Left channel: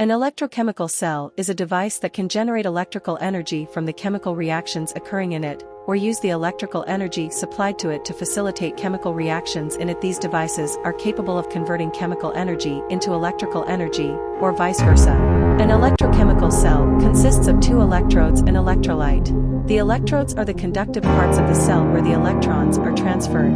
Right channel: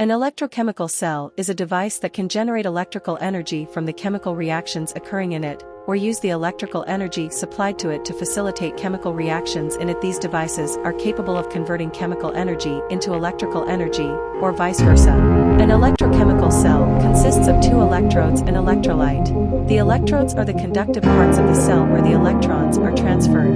An electrochemical cell is a device that can generate electrical energy from the chemical reactions occurring in it, or use the electrical energy supplied to it to facilitate chemical reactions in it. These devices are capable of converting chemical energy into electrical energy, or vice versa. An electrochemical cell consists of two electrodes and electrolyte. The electrodes are the conductive parts of the cell where the electrons are transferred.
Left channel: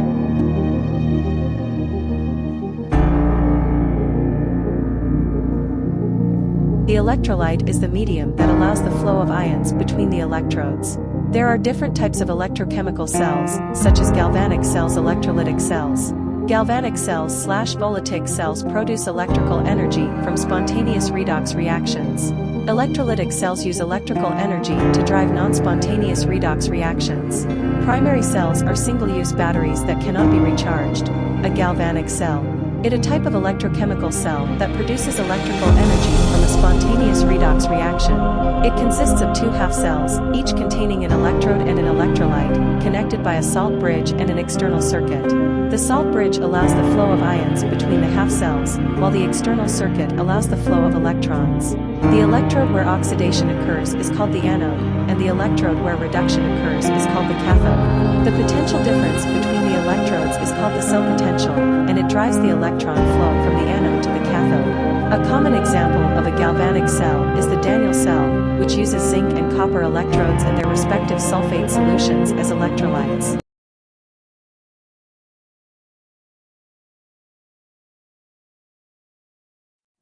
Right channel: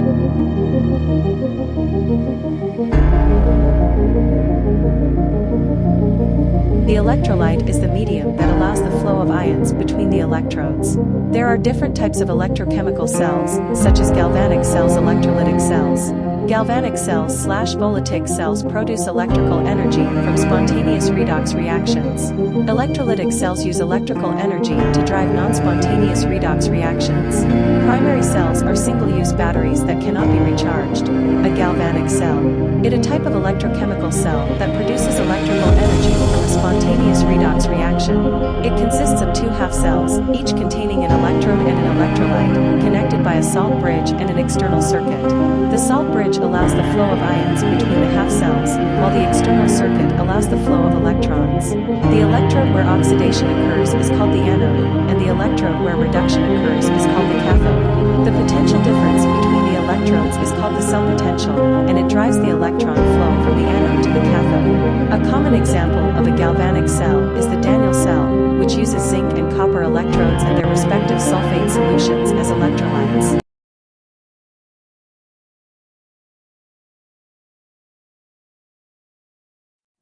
The electrolyte is the medium that allows the flow of ions between the electrodes. There are different types of electrochemical cells, such as galvanic cells, electrolytic cells. Galvanic cells/voltaic cells produce electrical energy from spontaneous redox reactions. Electrolytic cells use electrical energy to drive non-spontaneous redox reactions. Primary cells are single-use batteries that cannot be recharged. A galvanic cell is a type of electrochemical cell that produces electrical energy from a spontaneous redox reaction. It consists of two half cells, each containing an electrode and an electrolyte, connected by a salt bridge and an external circuit. The salt bridge allows the flow of ions between the half cells, while the external circuit allows the flow of electrons. The electrode where oxidation occurs is called the anode, and the electrode where reduction occurs is called the cathode. The potential difference between the electrodes is called the cell potential, and it drives the electron flow from the anode to the cathode. A common example of a galvanic cell is the Daniell cell, which uses zinc and copper electrodes and their respective sulfate solutions as electrolytes.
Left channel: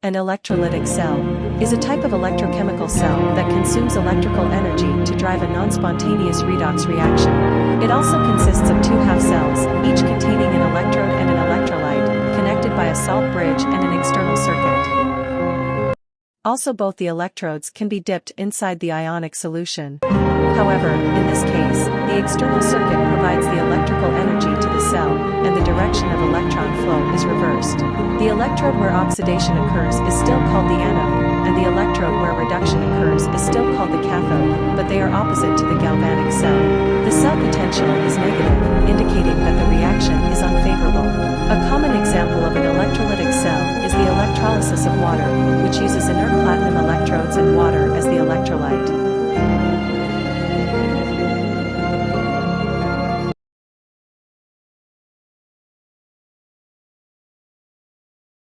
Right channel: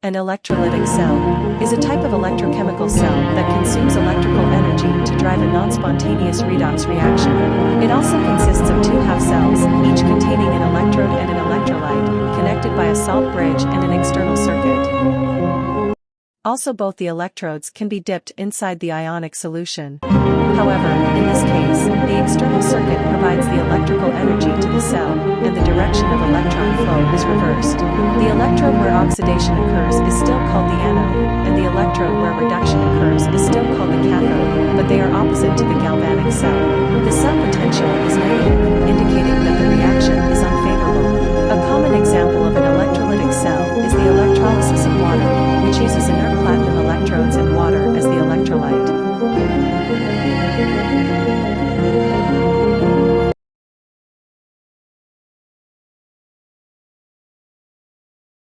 An electrolytic cell is a type of electrochemical cell that consumes electrical energy to drive a non-spontaneous redox reaction. It also consists of two half cells, each containing an electrode and an electrolyte, connected by a salt bridge and an external circuit. Also, both the electrodes can be dipped inside the ionic solution. However, in this case, the external circuit provides the electrical energy to the cell, and the direction of electron flow is reversed. The electrode where oxidation occurs is still called the anode, and the electrode where reduction occurs is still called the cathode, but they are opposite to the galvanic cell. The cell potential is negative, indicating that the reaction is unfavorable. A common example of an electrolytic cell is the electrolysis of water, which uses inert platinum electrodes and water as the electrolyte.